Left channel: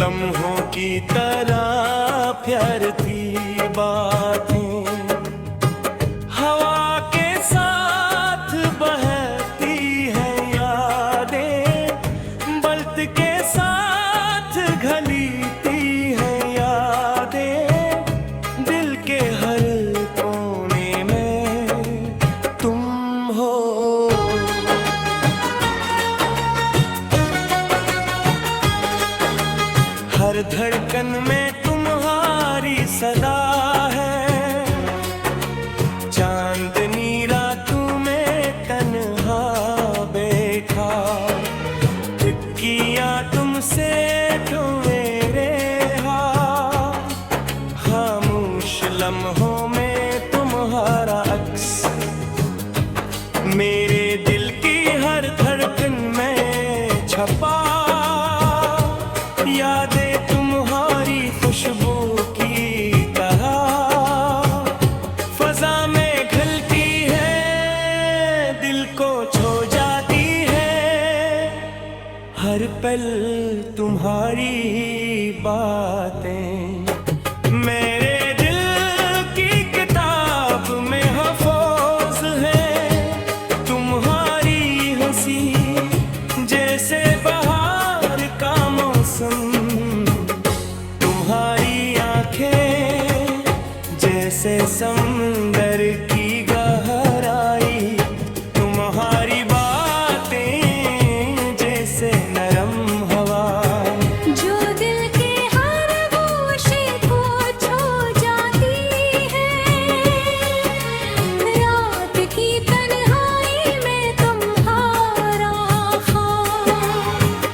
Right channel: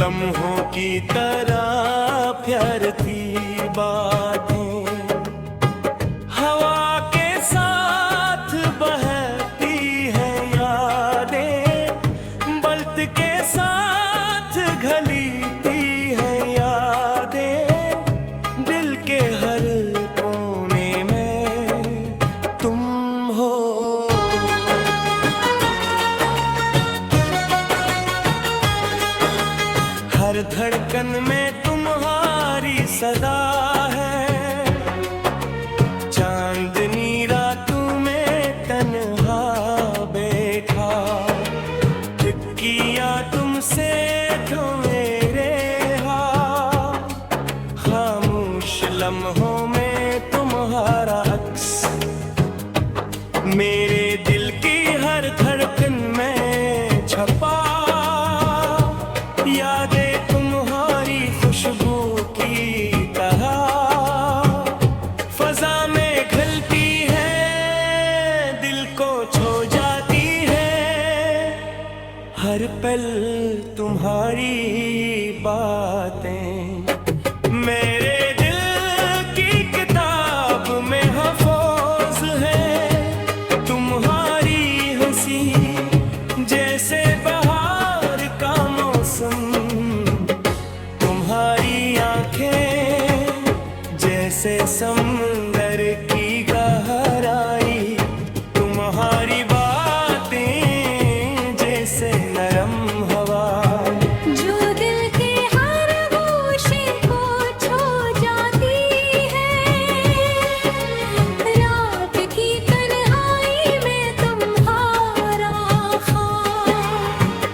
लम्हों की तरह प्यार थी बातें, हवा के साथ बहती है यादें, बल्त के साथ घलीती है यादें, दिल के हर कोने में तुम हो। हर धड़कन में तुम्हारी सदा है, चांदनी रातों में तन्हा बैठा, किया तुमसे जो मेरे हाथ, खामोश लम्हों में तुम्हारा अक्स, मेरे दिल की हर धड़कन में छपा, यादें तुम्हारी खुशबू की तरह फजा में घलती है, दिल को छू जाती है, हर पल तुम्हारी बातें मेरे दिल की किताब में महफूज है, तुम्हारी हंसी जैसे बहार का मौसम, तुम्हारी आंखें जैसे समंदर की गहराई, तुम्हारी बातें जैसे नरम हवा, जो दिल के हर गोशे को छू जाती है, रात की तन्हाई में तुम्हारा ख्वाब,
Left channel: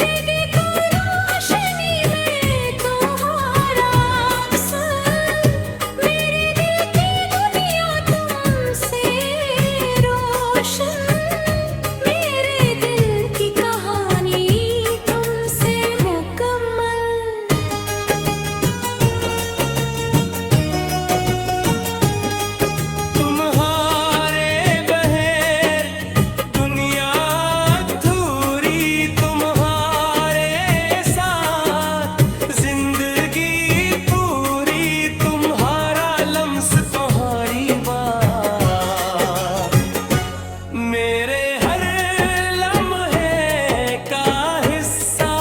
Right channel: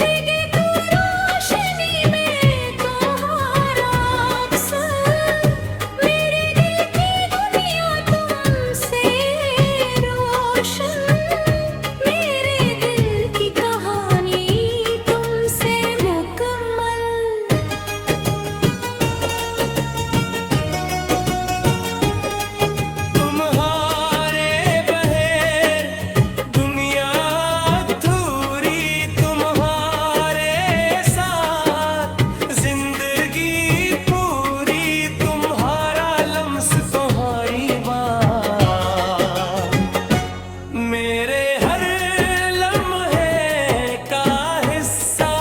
दिल को रोशनी में तुम्हारा अक्सर, मेरे दिल की दुनिया तुमसे रोशन, मेरे दिल की कहानी तुमसे मुकम्मल। तुम्हारे बगैर दुनिया अधूरी, तुम्हारे साथ जिंदगी पूरी, तुम्हारा लम्स तुम्हारी बात, मेरे हर लम्हे का हिस्सा,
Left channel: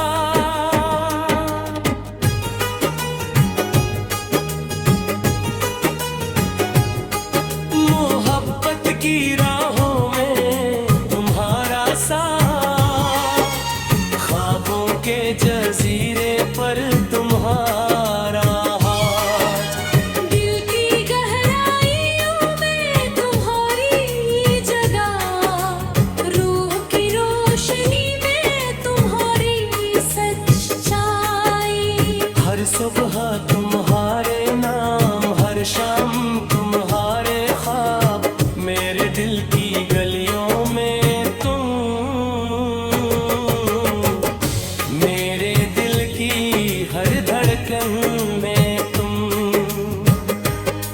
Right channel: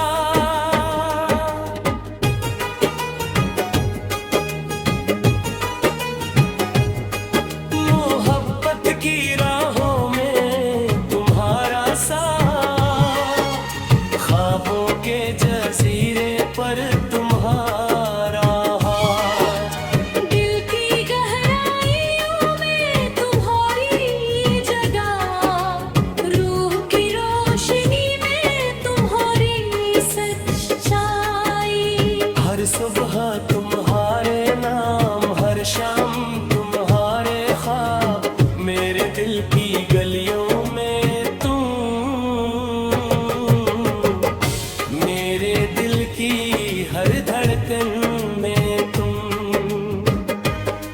मोहब्बत की राहों में तुम्हारा साथ, ख्वाबों के जजीरे पर तुम्हारा हाथ, दिल की गहराइयों में तुम्हारी जगह, रूह की रोशनी में तुम्हारी सच्चाई, हर सुबह तुम्हारे नाम, हर शाम तुम्हारे ख्वाब, मेरे दिल की गलियों में तुम, मेरे दिल की हर धड़कन में तुम,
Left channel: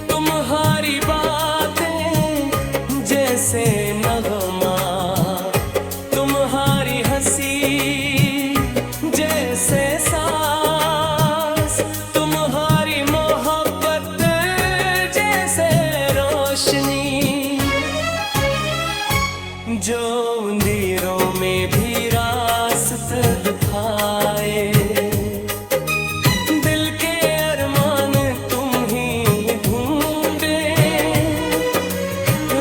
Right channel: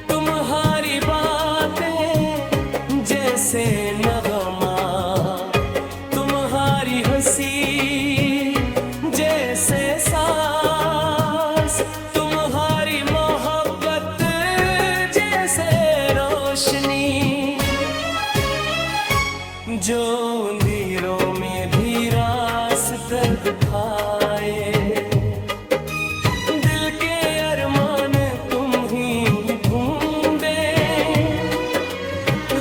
तुम्हारी बातें जैसे नगमा, तुम्हारी हंसी जैसे सांस, तुम्हारी मोहब्बत जैसे रोशनी, जो अंधेरों में भी रास्ता दिखाए, दिल के अरमान तुम ही ढूंढे,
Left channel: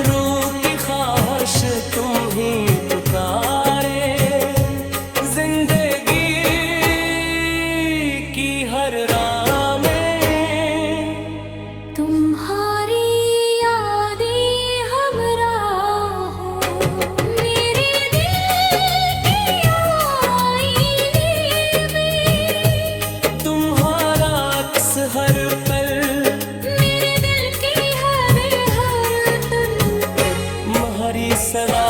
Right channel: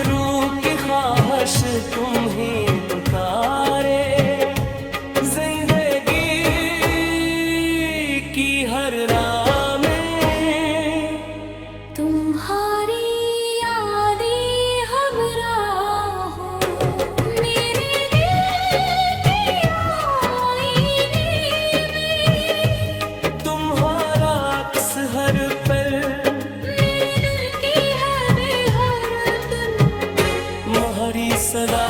रूह की ख्वाहिश तुम ही पुकारे, जिंदगी की हर राह में तुम्हारी यादें हमरा हो, मेरे दिल के आईने में तुम्हारा अक्स हर पल, मेरे दिल की हर तन, तुम्हारी सदा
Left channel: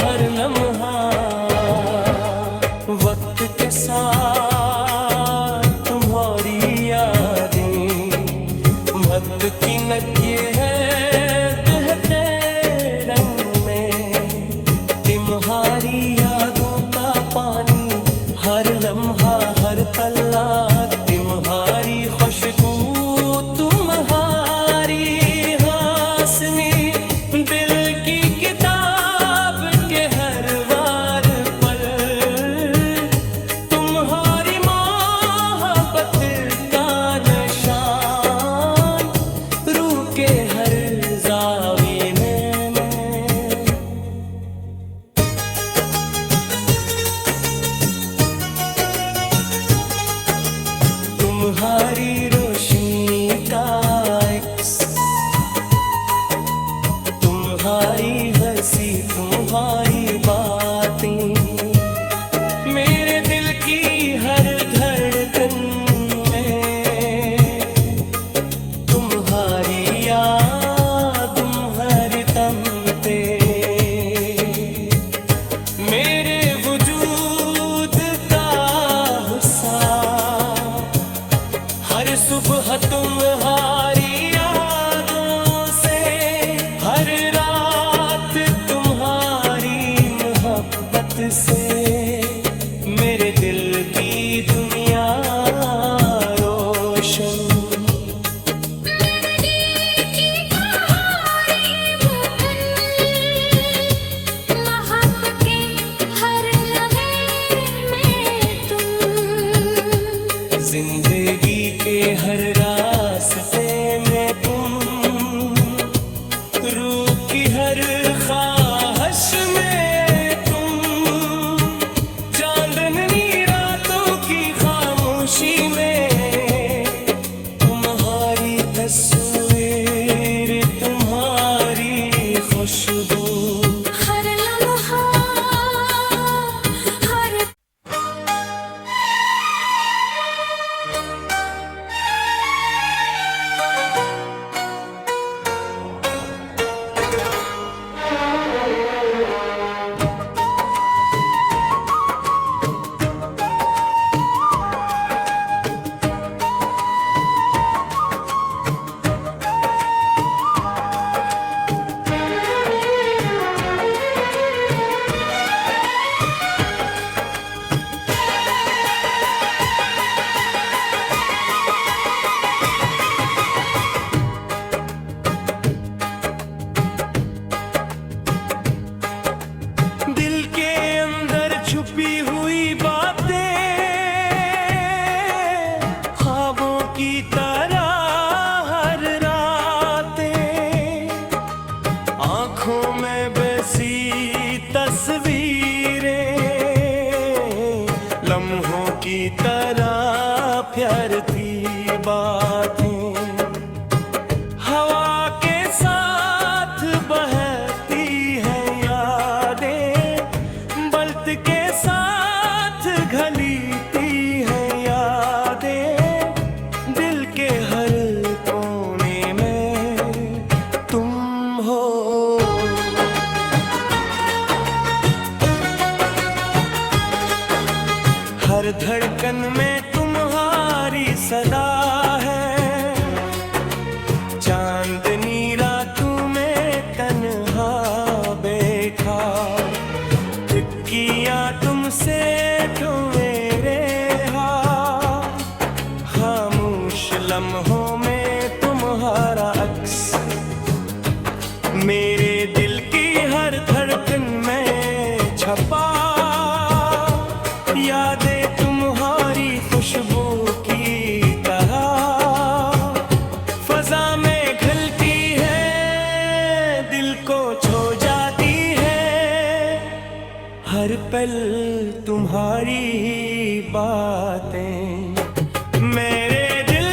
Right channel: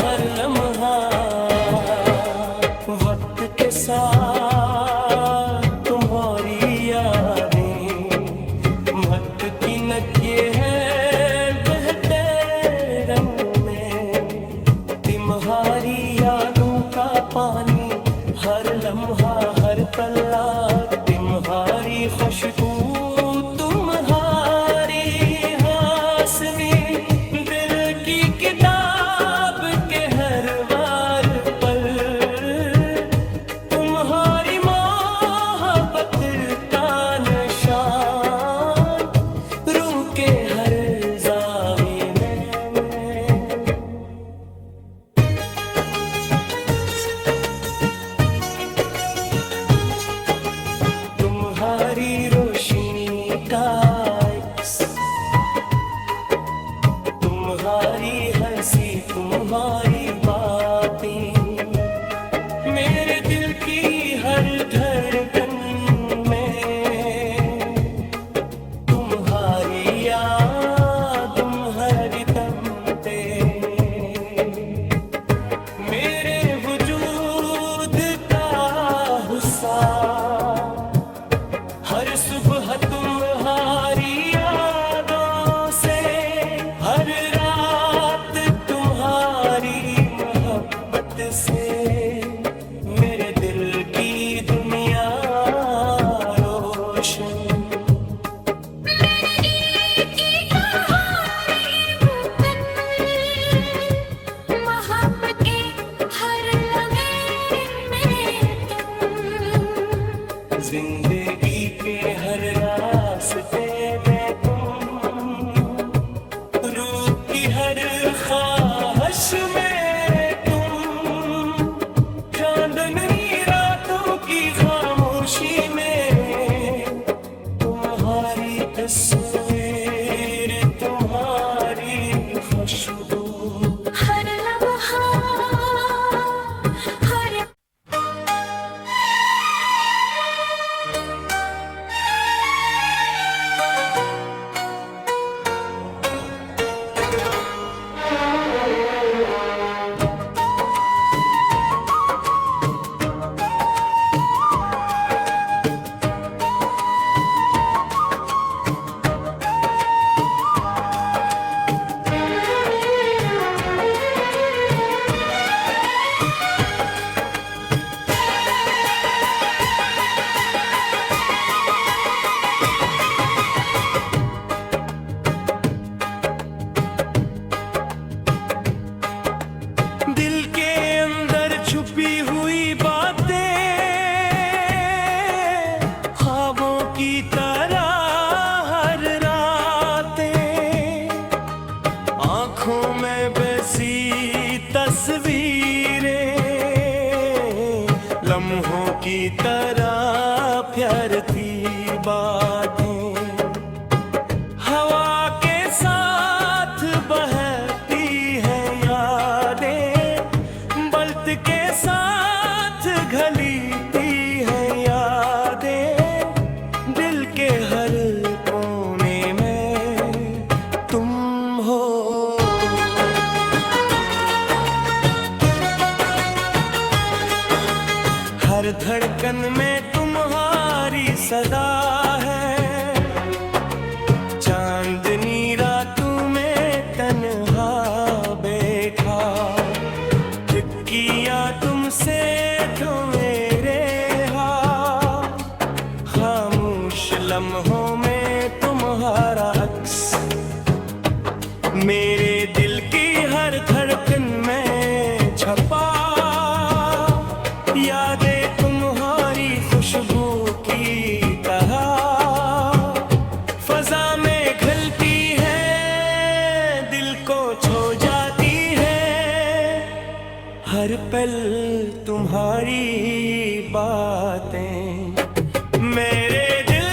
हर लम्हा, वक्त के साथ तुम्हारी यादें, महत्व की नकिए हैं बहते रंग में, तुम्हारी यादों का पानी हर लम्हा लम्हा हर पल्ला तुम्हारी खुशबू तुम्हारी हासनी दिल की किताब के हर वार पल तुम्हारी मोहब्बत का निशान रूह के हर जाविये में तुम्हारी रोशनी का एक्स तुम्हारी हंसी तुम्हारी बातें मेरे दिल की हर धड़कन में तुम्हारी याद तुम्हारी तमते मेरे वजूद का हुस्सा हर सुबह तुम्हारी यादों से हर रात तुम्हारी मोहब्बत से मेरे दिल की दुनिया रोशन जिंदगी के हर रास्ते में तुम रूह की हर ख्वाहिश में तुम चांदनी रातों की खामोशी में तुम्हारी तस्वीर तुम्हारी खुशबू हर लम्हा हर दिल के अंदर छुपी हुई बातें ख्वाबों की तरह हर रातें आंखों में बसी तस्वीरें लम्हों की तरह प्यार थी बातें हवा के साथ बहती है यादें बल्त के साथ घलीती है यादें दिल के हर कोने में तुम हो हर धड़कन में तुम्हारी सदा है चांदनी रातों में तन्हा बैठा किया तुमसे तो मेरे खामोश लम्हों में तुम्हारा अक्स मेरे दिल की हर धड़कन में छपा यादें तुम्हारी खुशबू की तरह फजा में घलती है दिल को छो जाती है हर पल तुम्हारी बातें मेरे दिल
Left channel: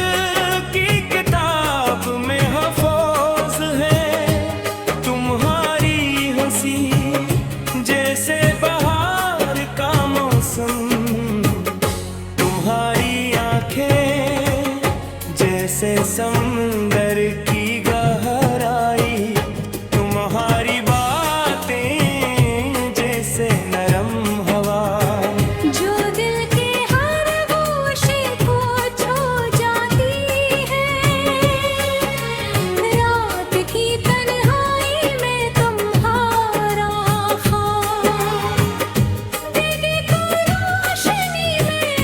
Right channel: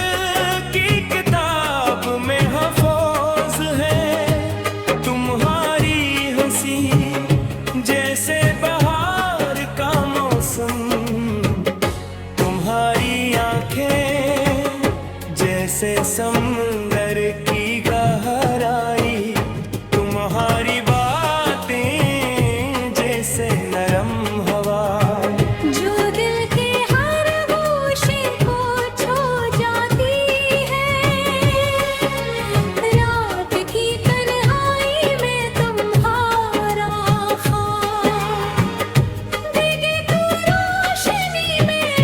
की किताब में हफूज है तुम्हारी हंसी जैसे बहार का मौसम तुम्हारी आंखें जैसे समंदर की गहराई तुम्हारी बातें जैसे नरम हवा जो दिल के हर गोशे को छू जाती है रात की तन्हाई में तुम्हारा ख्वाब देखे तो रोशनी में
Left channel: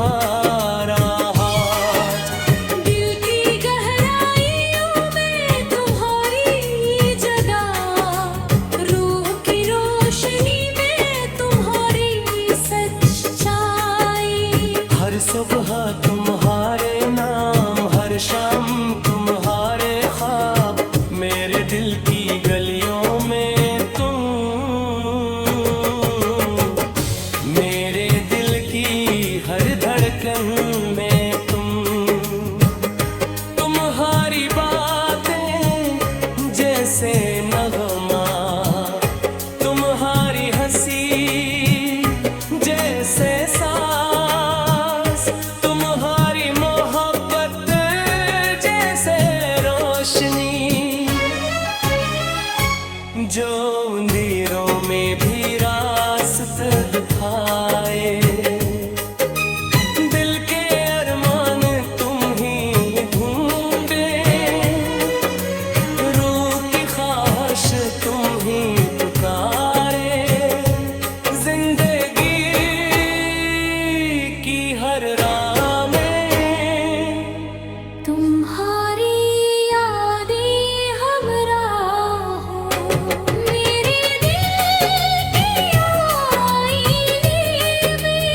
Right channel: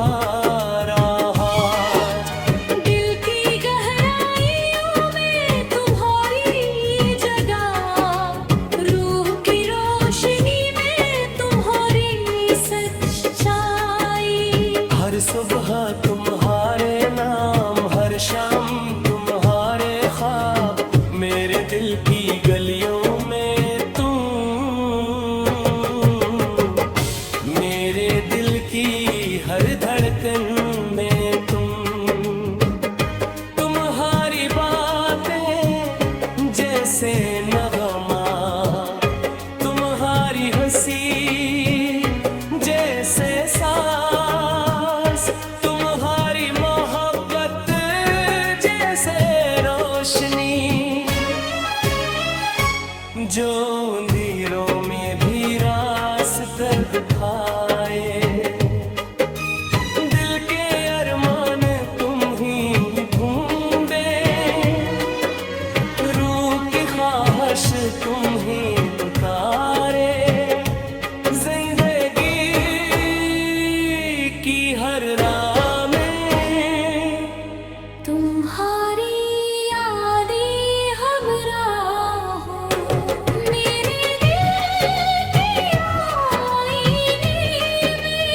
तुम्हारा हाथ। दिल की गहराइयों में तुम्हारी जगह, रूह की रोशनी में तुम्हारी सच्चाई। हर सुबह तुम्हारे नाम, हर शाम तुम्हारे ख्वाब, मेरे दिल की गलियों में तुम, मेरे दिल की हर धड़कन में तुम। तुम्हारी बातें जैसे नगमा, तुम्हारी हंसी जैसे सांस, तुम्हारी मोहब्बत जैसे रोशनी, जो अंधेरों में भी रास्ता दिखाए। दिल के अरमान तुम ही ढूंढे, रूह की ख्वाहिश तुम ही पुकारे। जिंदगी की हर राह में तुम्हारी यादें हमरा हो, मेरे दिल के आईने में।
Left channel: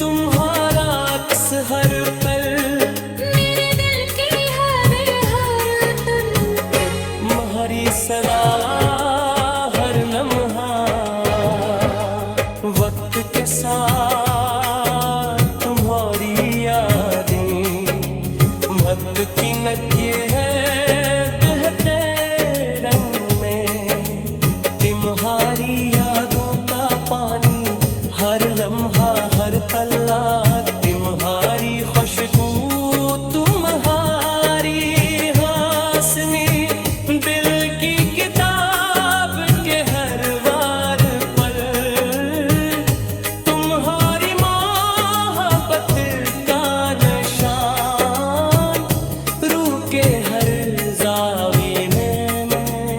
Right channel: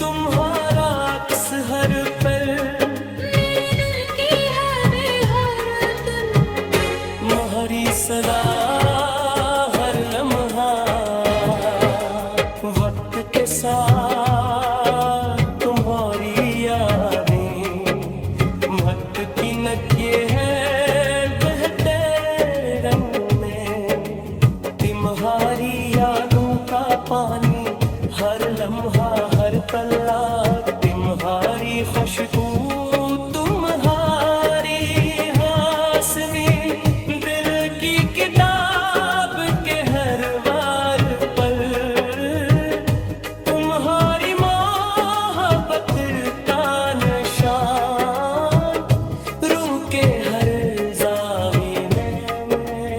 तुम्हारा अक्स हर पल, मेरे दिल की हर धुन, तुम्हारी सदा हर लम्हा। वक्त के साथ तुम्हारी यादें महत्व ये है बहते रंग में। तुम्हारी यादों का पानी हर लम्हा हर पल्ला, तुम्हारी खुशबू तुम्हारी हासमी, दिल की किताब के हर वार पल, तुम्हारी मोहब्बत का निशान, रूह के हर जावी में मैं।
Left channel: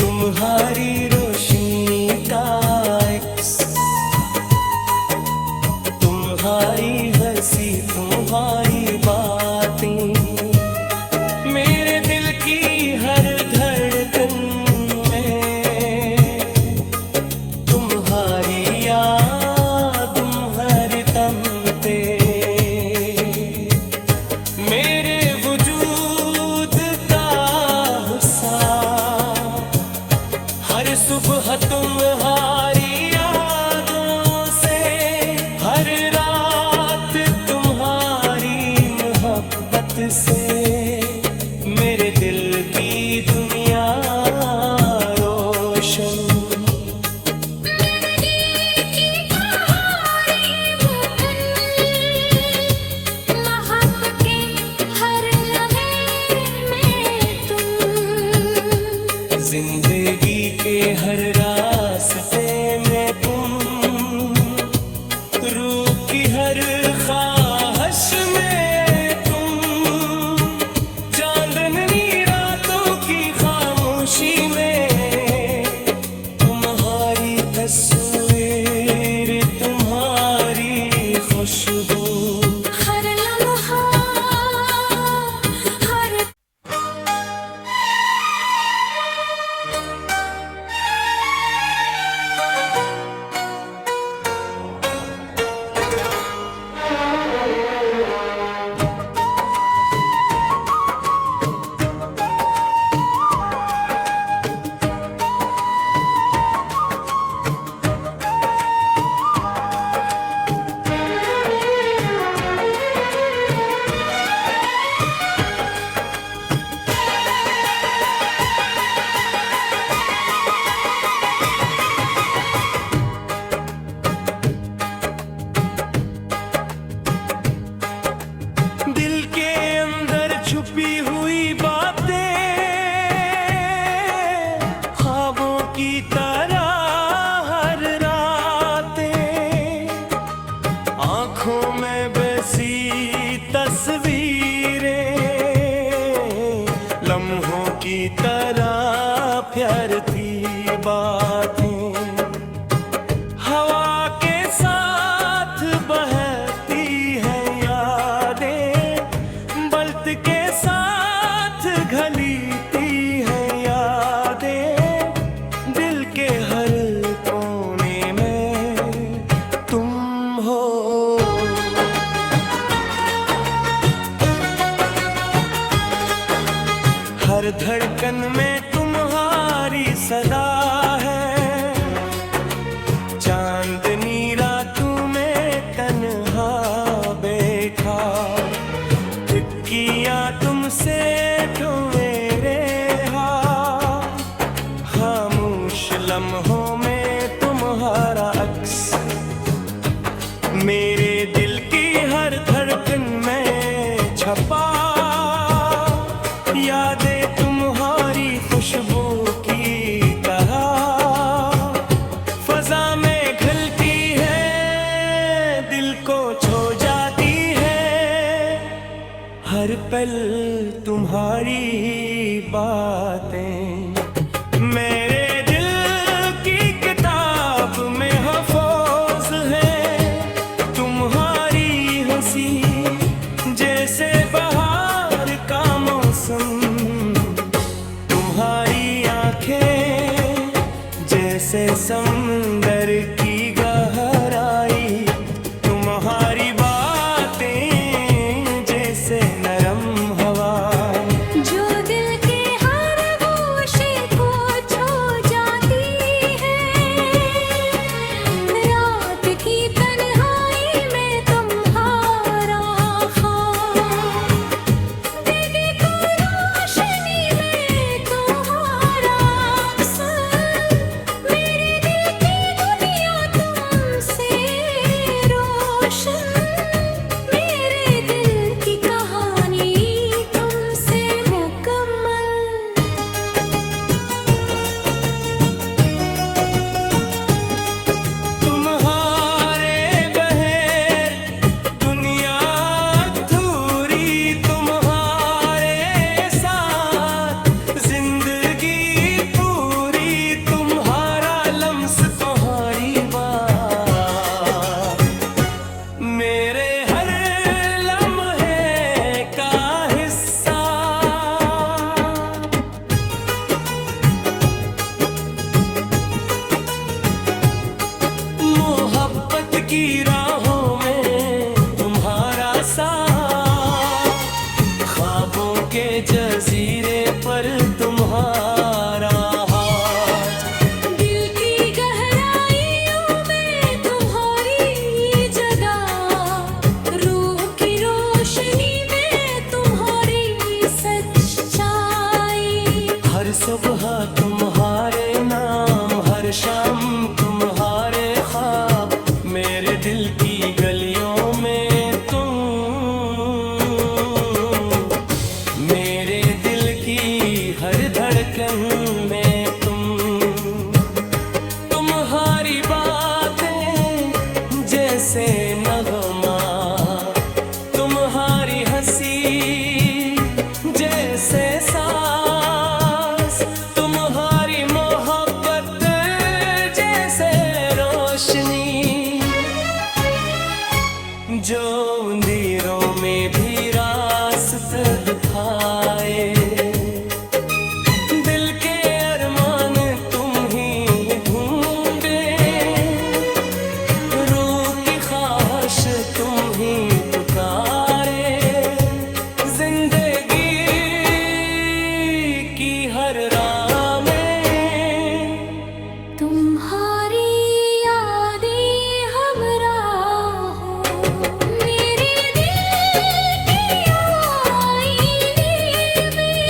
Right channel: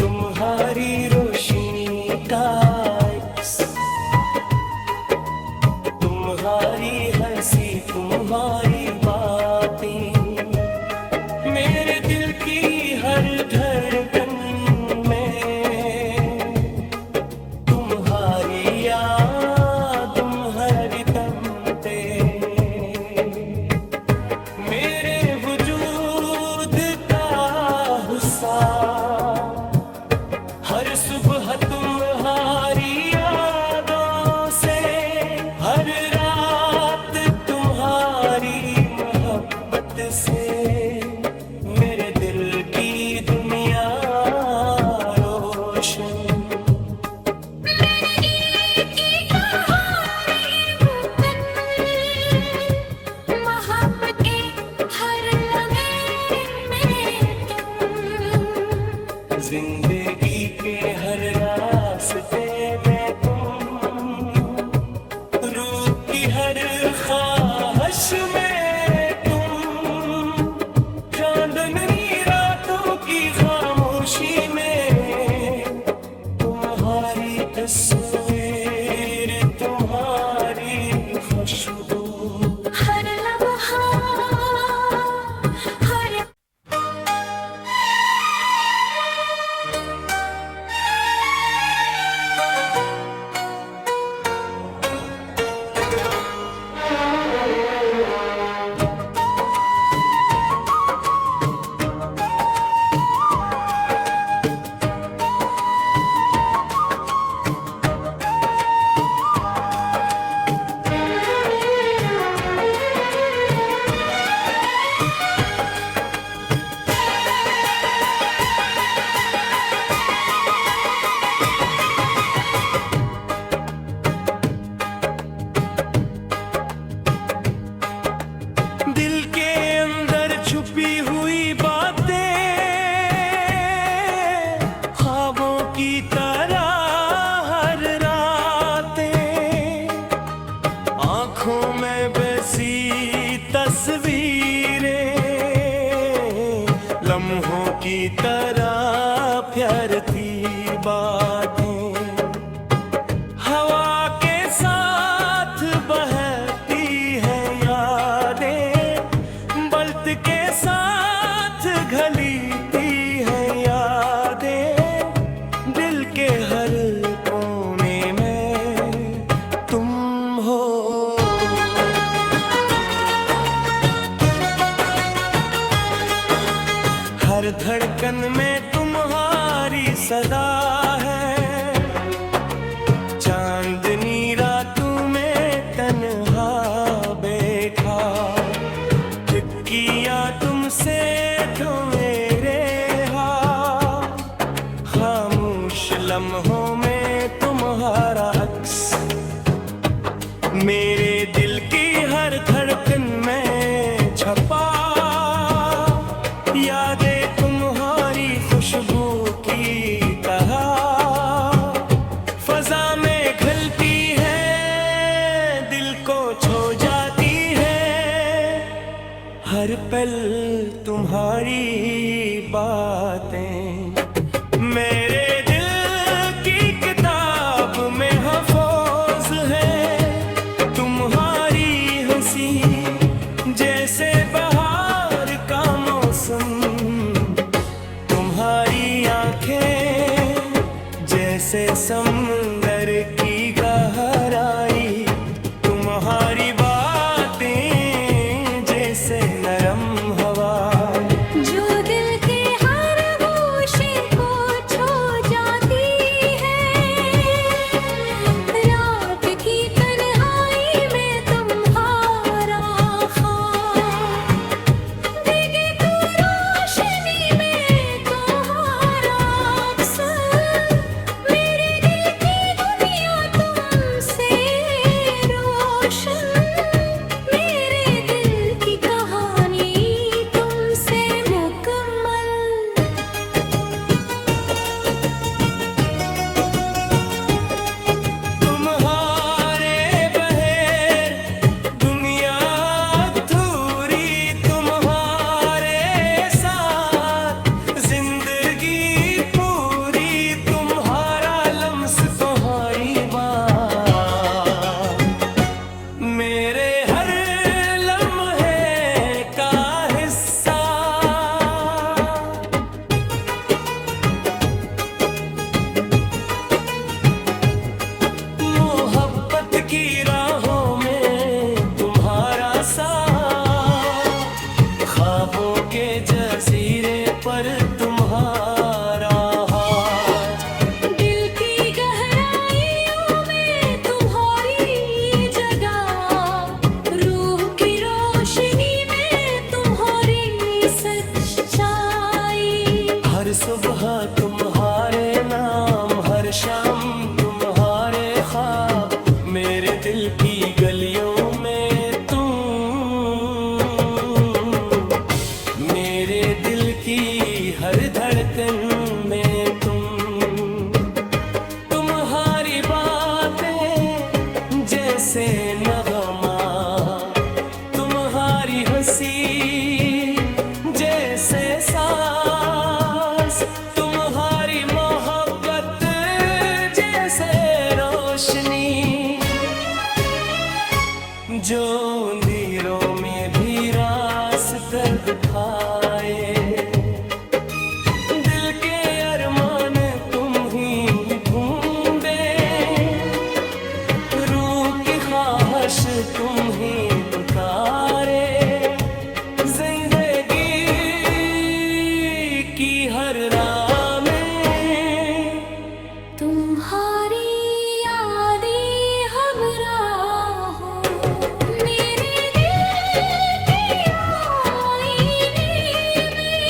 तुम्हारी रोशनी का एक्स, तुम्हारी हंसी तुम्हारी बातें, मेरे दिल की हर धड़कन में। तुम्हारी याद तुम्हारी तमते, मेरे वजूद का हिस्सा। हर सुबह तुम्हारी यादों से, हर रात तुम्हारी मोहब्बत से, मेरे दिल की दुनिया रोशन। मेरे की कहानी वो मोहब्बत के हर लम्हे में तुम। जिंदगी के हर रास्ते में तुम, रूह की हर ख्वाहिश में तुम, चांदनी रातों की खामोशी में, तुम्हारी तस्वीर तुम्हारी खुशबू। हर लम्हा हर प्यार थी बातें, हवा के साथ बहती है यादें, बल्त के साथ घलीती है यादें, दिल के हर कोने में तुम हो। हर धड़कन में तुम्हारी सदा है, चांदनी रातों में तन्हा बैठा, किया तुमसे तो मेरे हाथ, खामोश लम्हों में तुम्हारा अक्स, मेरे दिल की हर धड़कन में छपा, यादें तुम्हारी खुशबू की तरह फजा में घलती है, दिल को छू जाती है, हर पल तुम्हारी बातें मेरे दिल की किताब में महफूज है, तुम्हारी हंसी जैसे बहार का मौसम, तुम्हारी आंखें जैसे समंदर की गहराई, तुम्हारी बातें जैसे नरम हवा, जो दिल के हर गोशे को छू जाती है, रात की तन्हाई में तुम्हारा ख्वाब, दिखे को रोशनी में तुम्हारा अक्सर, मेरे दिल की दुनिया तुमसे रोशन, मेरे दिल की कहानी तुमसे मुकम्मल। तुम्हारे बगैर दुनिया अधूरी, तुम्हारे साथ जिंदगी पूरी, तुम्हारा लम्स तुम्हारी बात, मेरे हर लम्हे का हिस्सा, मोहब्बत की राहों में तुम्हारा साथ, ख्वाबों के जजीरे पर तुम्हारा हाथ, दिल की गहराइयों में तुम्हारी जगह, रूह की रोशनी में तुम्हारी सच्चाई, हर सुबह तुम्हारे नाम, हर शाम तुम्हारे ख्वाब, मेरे दिल की गलियों में तुम, मेरे दिल की हर धड़कन में तुम, तुम्हारी बातें जैसे नगमा, तुम्हारी हंसी जैसे सांस, तुम्हारी मोहब्बत जैसे रोशनी, जो अंधेरों में भी रास्ता दिखाए, दिल के अरमान तुम ही ढूंढे, रूह की ख्वाहिश तुम ही पुकारे, जिंदगी की हर राह में तुम्हारी यादें हमरा हो, मेरे दिल के आईने में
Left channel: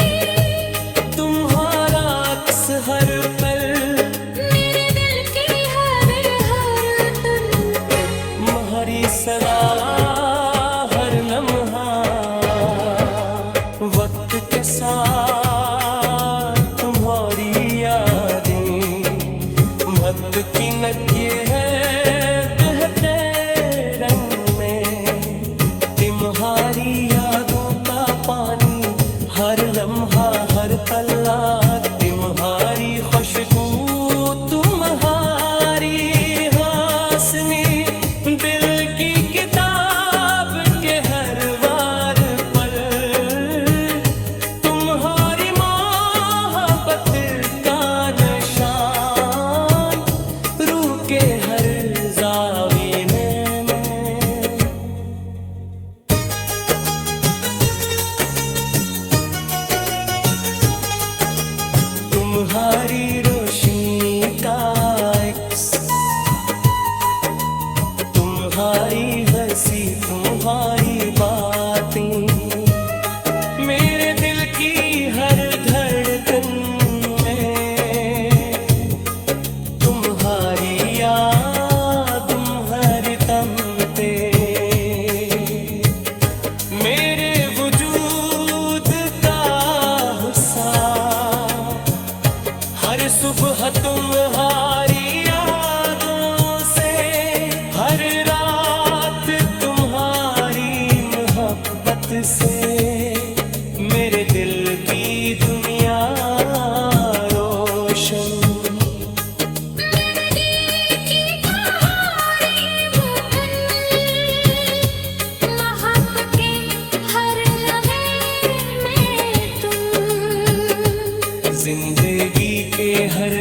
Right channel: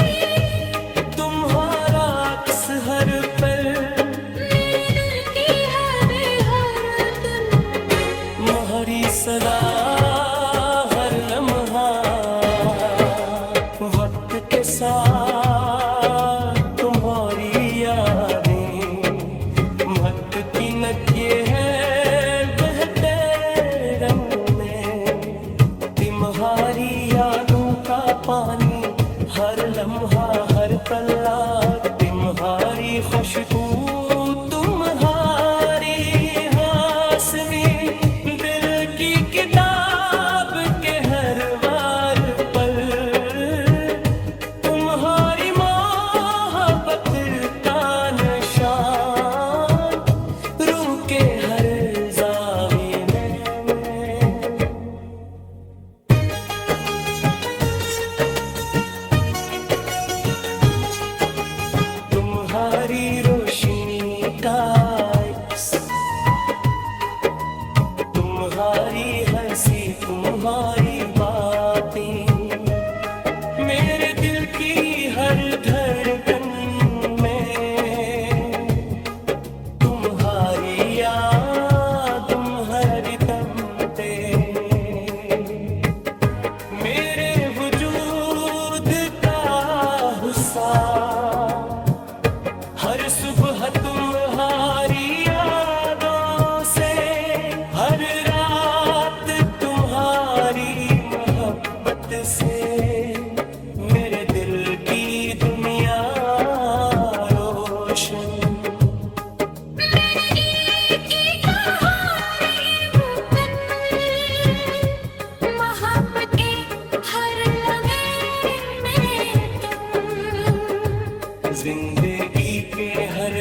तुम्हारा अक्स हर पल, मेरे दिल की हर धुन, तुम्हारी सदा हर लम्हा, वक्त के साथ तुम्हारी यादें, मत की नकिए हैं बहते रंग में, तुम्हारी यादों का पानी, हर लम्हा हर पल्ला, तुम्हारी तुम्हारी रोशनी का अक्स, तुम्हारी हंसी तुम्हारी बातें मेरे दिल की हर धड़कन में, तुम्हारी याद तुम्हारी तमते मेरे वजूद का हिस्सा। हर सुबह तुम्हारी यादों से, हर रात तुम्हारी मोहब्बत से मेरे दिल की दुनिया रोशन। मेरे दिल की कहानी वो कन्नल, मोहब्बत के हर लम्हे में तुम, जिंदगी के हर